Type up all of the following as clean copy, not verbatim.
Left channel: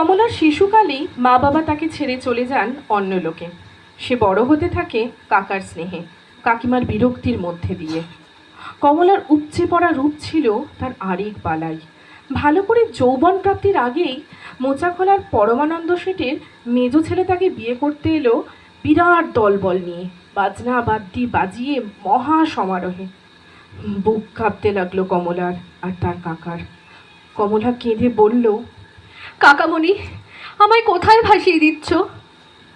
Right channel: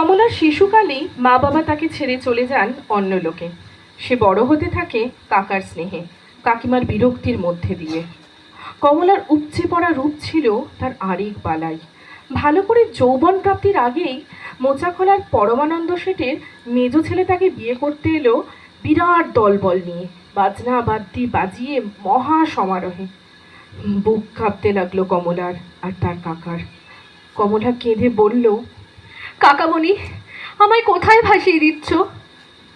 কমলার শিশুকালেই মা বাবা তাকে ছেড়ে চলে যান অন্য লোকে। সে বড় হতে থাকে কাকার স্নেহে, কাকিমার বিরক্তির মধ্যে দিয়ে। কমলার উপচে পড়া রূপ ছিল তার আরেক বালাই। ভালো করে যৌবন প্রাপ্তির আগেই মোচাখোলার পরমানন্দ শেঠের মেজ ছেলে তাকে বিয়ে করতে এলো বিরাট দলবল নিয়ে, বাজনা বাদ্যি বাজিয়ে মহা সমারোহে। বুক কাঁপতে লাগলো কমলার আর তার কাকার। কমলা কেঁদে বলল, কাকামণি, আমায় কোথায় ভাসিয়ে দিচ্ছ?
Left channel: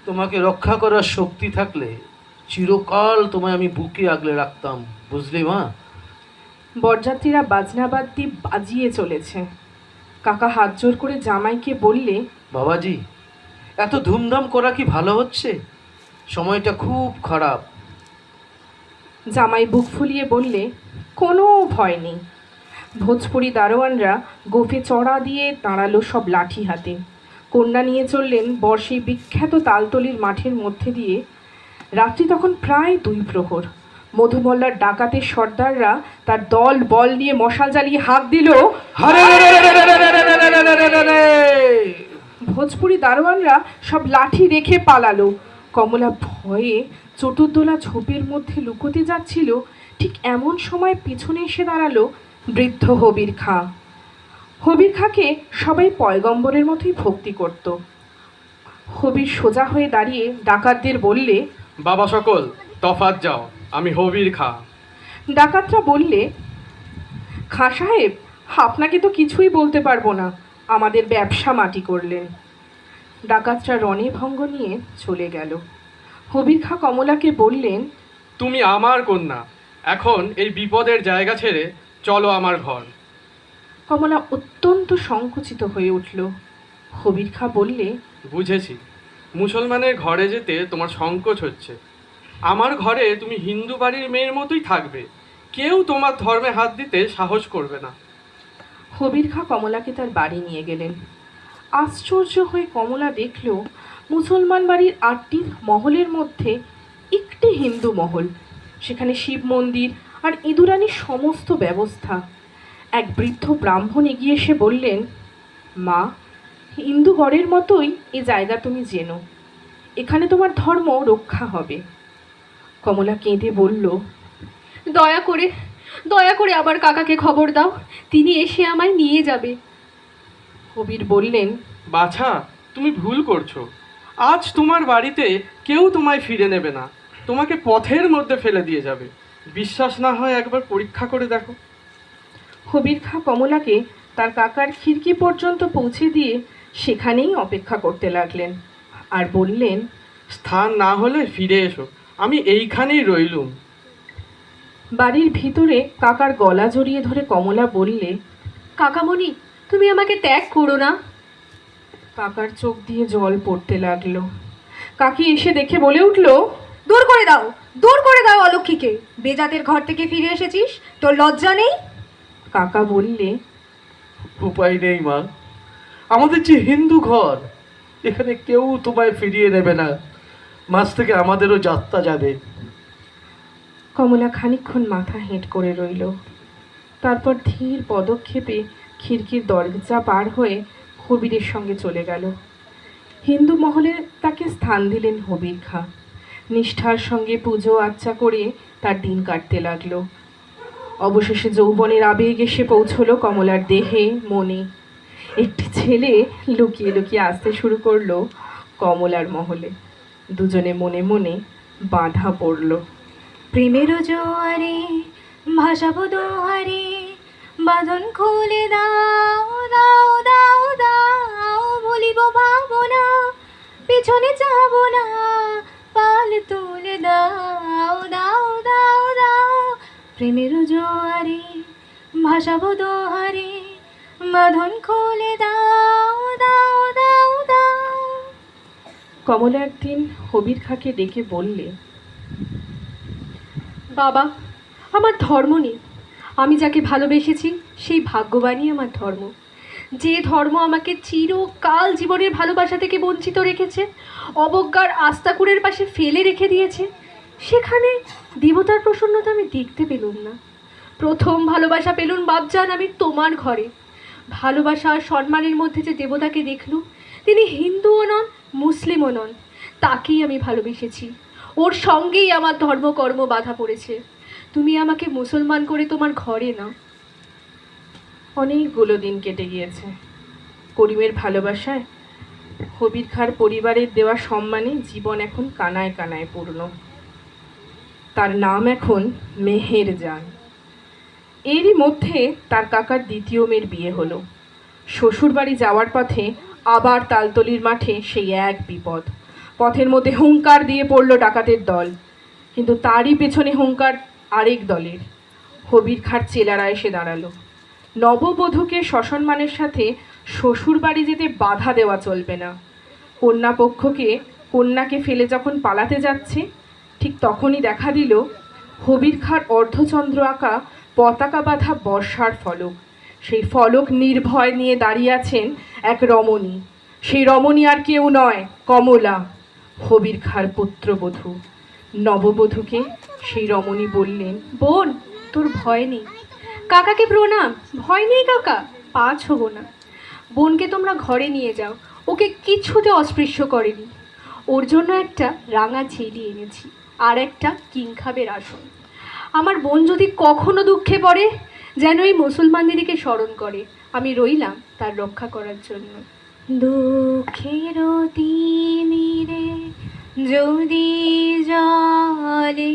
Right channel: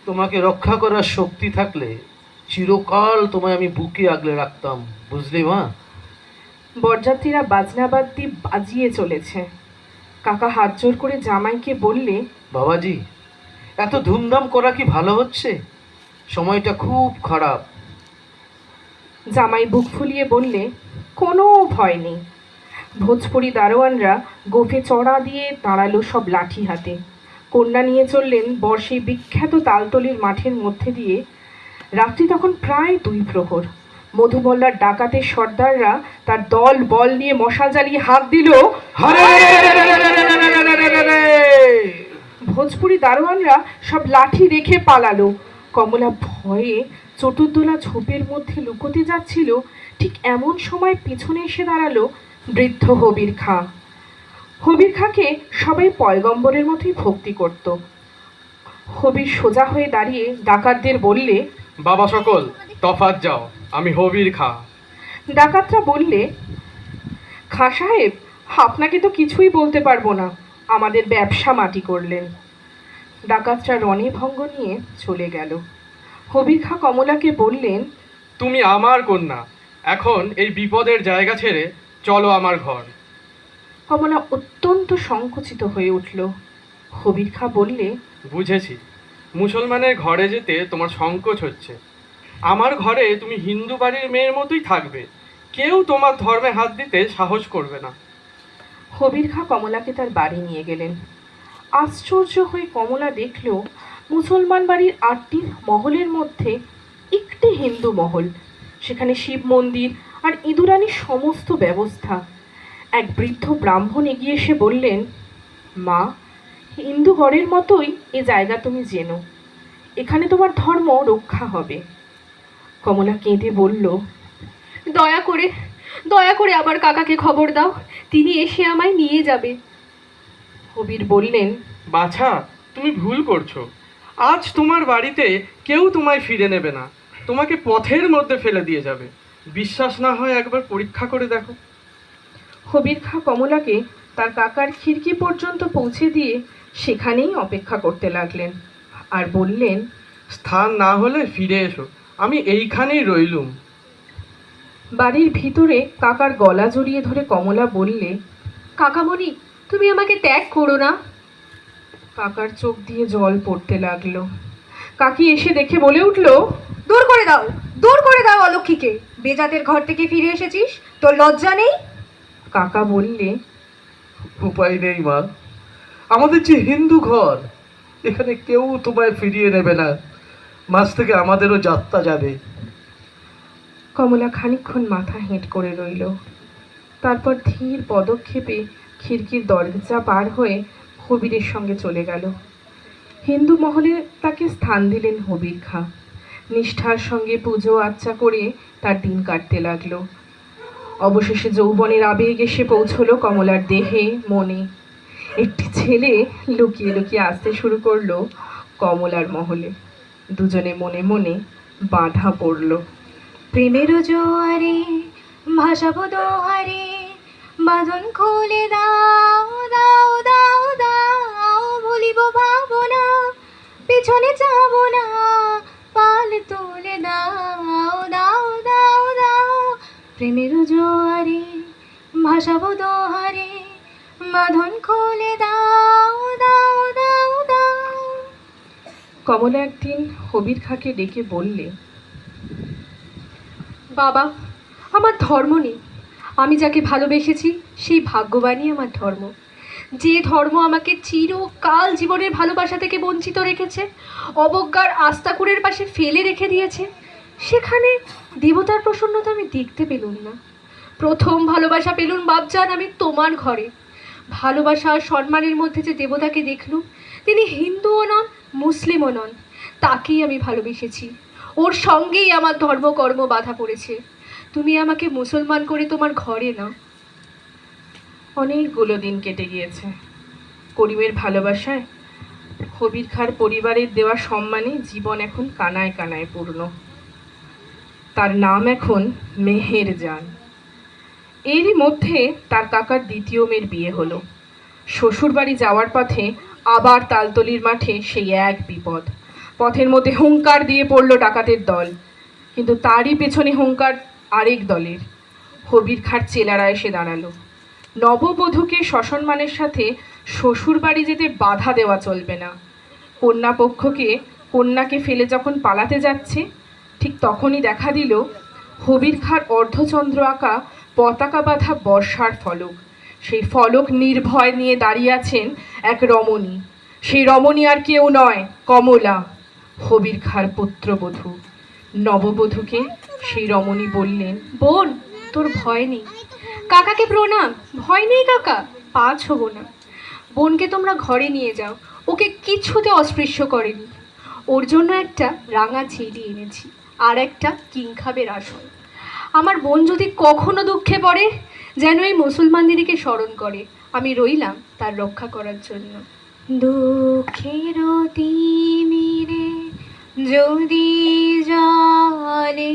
তোমাকে রক্ষা করার শক্তি থাকলে চিরকাল তোমায় আমি বুকে আগলে রাখতাম, বুঝলি মা? বরযাত্রীরা বাজনাবাদ্যি বাজিয়ে চলেছে। কাকা হাত জোর করে জামাইকে বললে, বাবাজি, এত ধুমধাম করা কি ভালো হচ্ছে? সময়টা খুব খারাপ। জামাই বুক ফুলিয়ে বললে, কোনো ভয় নেই। ভোজপুরি দারোয়ানরা গোফে চড়া দিয়ে দাঁড়ালো সব লাঠি হাতে। কন্যা নিয়ে চললেন বর্ষে বিখ্যাত তালতলির মাঠের মধ্যে দিয়ে। রাত্রি তখন প্রায় 2 প্রহর। মধুমল্লার ডাকাতের সর্দাররা তার দল বল নিয়ে মশাল জ্বালিয়ে হাঁক দিল, ভোজপুরি দারোয়ানরা সব লাঠি রেখে পালালো। কমলা ভয়ে চতুর্দোলা ঝোপের মধ্যে লুকোতে যাচ্ছিল। ঠিক এমন সময় পিছনে এসে দাঁড়ালো বৃদ্ধ হবির খাঁ। হবির খাঁকে সবাই পয়গম্বরের মতোই ভক্তি করত। হবির সোজা হয়ে দাঁড়িয়ে ডাকাতদের বললে, বাবা সকল তফাৎ যাও, আমি হবির খাঁ। ডাকাতরা বললে, খাঁ সাহেব, আপনাকে তো কিছুই বলতে পারবো না, আমাদের ব্যবসা মাটি করলেন। ডাকাতরা রণে ভঙ্গ নিয়ে চলে গেল। হবির খাঁ কমলাকে বললেন, তুমি আমার কন্যা, এখন এই বিপদের জায়গা ছেড়ে চলো আমার ঘর। কমলা অত্যন্ত সংকুচিত হয়ে উঠল। হবির খাঁ বললে, বুঝেছি, মুসলমানের ঘরে যেতে তোমার সংকোচ হচ্ছে। আমার ঘরে তুমি হিন্দু বাড়ির মেয়ের মতোই থাকবে, কেউ তোমার ধর্মে হাত দিতে সাহস করবে না। হবির খাঁ কমলাকে তার বাড়ি নিয়ে গেলেন। আশ্চর্য হয়ে কমলা দেখল মুসলমান বাড়ির 8টি মহলের মধ্যে একটি হিন্দু মহল। সেখানে শিব মন্দির আর ইঁদুরানির সমস্ত ব্যবস্থা। এক বৃদ্ধ ব্রাহ্মণ এগিয়ে এসে বললেন, মা, হিন্দু ঘরের মতোই এ জায়গা তুমি জেনো, এখানে তোমার ধর্ম রক্ষা হবে। কমলা কেঁদে বলল, দয়া করে দয়া করে আবার কাকাকে খবর দাও, তিনি এসে আমায় নিয়ে যাবে। কবির বললেন, বাছা, তুমি ভুল করছো। আজ তোমার বাড়িতে কেউ তোমায় ফিরে নেবে না, তোমাকে পথের মধ্যে ফেলে দিয়ে যাবে। বিশ্বাস না হয় একবার পরীক্ষা করে দেখো। হবির খাঁ কমলাকে তার কাকার খিড়কি পর্যন্ত পৌঁছে দিয়ে সেখানেই অপেক্ষা করতে লাগলেন আর বললেন, স্থান না হলে ফিরে এসো, আমি এইখানেই রইলুম। বাড়ির ভিতরে কাকার গলা জড়িয়ে ধরে কমলা বললে, কাকামণি, তুমি আমাকে ত্যাগ করো না। কাকার চোখ দিয়ে জল পড়তে লাগলো। কাকি এসে দেখে বলে উঠল, দূর করে দাও, দূর করে দাও অলক্ষীকে। বেজাতের ঘর থেকে ফিরে এসেছিস, তোর লজ্জা নেই? কাকা বললে, উপায় নেই মা, আমাদের যে হিন্দু ঘর, এখানে কেউ তোমায় ফিরিয়ে নেবে না। মাঝ থেকে আমাদেরও যাত্রা যাবে। কমলা খানিকক্ষণ মাথা হেঁট করে রইল। তারপর ধীর পদক্ষেপে খিড়কির দরজা পার হয়ে হবিরের সঙ্গে চলে গেল। হিন্দু মহলে তাকে স্থান দিলেন হবির খাঁ। নিষ্ঠার সঙ্গে পুজো আচ্চা করে তার দিন কাটতে লাগলো। অবশেষে যৌবনের আবেগ এসে পৌঁছলো কমলার দেহে মনে। একটি ছেলে লুকিয়ে লুকিয়ে আসতে শুরু করলো কমলার মহলে। দুজনে মনে মনে বাঁধা পড়ল। প্রেমের জোয়ারে ভাসাবো দোহারে, বাঁধন খুলে দাও দাও দাও দাও, ভুলিব ভাবনা, পিছনে যাবো না, পাল তুলে দাও দাও দাও দাও। প্রেমের জোয়ারে ভাসাবো দোহারে, বাঁধন খুলে দাও দাও দাও দাও। কমলা একদিন হবির খাঁকে ডেকে বললে, বাবা, আমার ধর্ম নেই। আমি যাকে ভালোবেসেছি সেই ভাগ্যবানই আমার ধর্ম। যে ধর্ম আমাকে চিরকাল জীবনের ভালোবাসা থেকে বঞ্চিত রেখেছে, অবজ্ঞার আস্তাকুড়ের পাশে ফেলে রেখে দিয়েছে, সেখানে দেবতার প্রসন্নতা আমি দেখতে পেলুম না। প্রথম ভালোবাসা পেলুম বাপজান আমি তোমার ঘরে। ভালোবাসা আর সম্মানের মধ্যে যে দেবতাকে দেখলুম, তিনি হিন্দুও নন, মুসলিমও নন, তাকেই আমি ভালোবেসেছি। ওর সঙ্গেই আমার ধর্মকর্ম বাধা পড়েছে। তুমি আমাকে মুসলমান করে তোমার ঘরে নাও। অনেকগুলো দিন কেটে গিয়েছে। করিমের ভালোবাসায় কবির খাঁর পরিবারের দেওয়া সম্মানে জীবন এখন কানায় কানায় পূর্ণ। তার নাম এখন মেহেরজান। এরই মধ্যে তার কাকার দ্বিতীয় মেয়ের বিয়ে হলো। শ্বশুরবাড়ি যাওয়ার পথে আবার তালতলির মাঠে সেই এক বিপদ। পথের মধ্যে হুঙ্কার দিয়ে পড়ল ডাকাতের দল, কিন্তু তারই পেছনে হুঙ্কার আরেক দলের। কবির খাঁর চেলারা এসে দাঁড়ালো। নববধূকে সসম্মানের সাথে শ্বশুরবাড়ি যেতে বাধা দেওয়া চলবে না। কন্যাপক্ষকে কন্যাকে ফেলে যখন পালাতে যাচ্ছে, ঠিক তখনই দেখা দিল কবির খাঁর অর্ধচন্দ্র আঁকা পতাকা বাঁধা বর্ষার ফলক। সেই ফলক নির্ভয় নিয়ে দাঁড়িয়ে আছেন এক রমণী। সেই রমণী আর কেউ নয়, কমলা, কবির খাঁর পুত্রবধূ। নববধূকে সেই রমণী বললেন, বোন, তোর ভয় নেই, কাকাকে প্রণাম। ভয় নেই কাকা, পা ছোবো না। বোনকে তোমরা ঘরে নিয়ে যাও, ওকে কিছুতে অস্পৃশ্য করেনি। ওর জন্য একটা রাঙা ছেলি এনেছি, আর একটা কিংখাবের আসন। আমার বোন যদি কখনো দুঃখে পড়ে, যেন এই মুসলমানদেরকে স্মরণ করে। আমি রইলাম তার রক্ষা করার জন্য। দুঃখের তিমিরে যদি জলে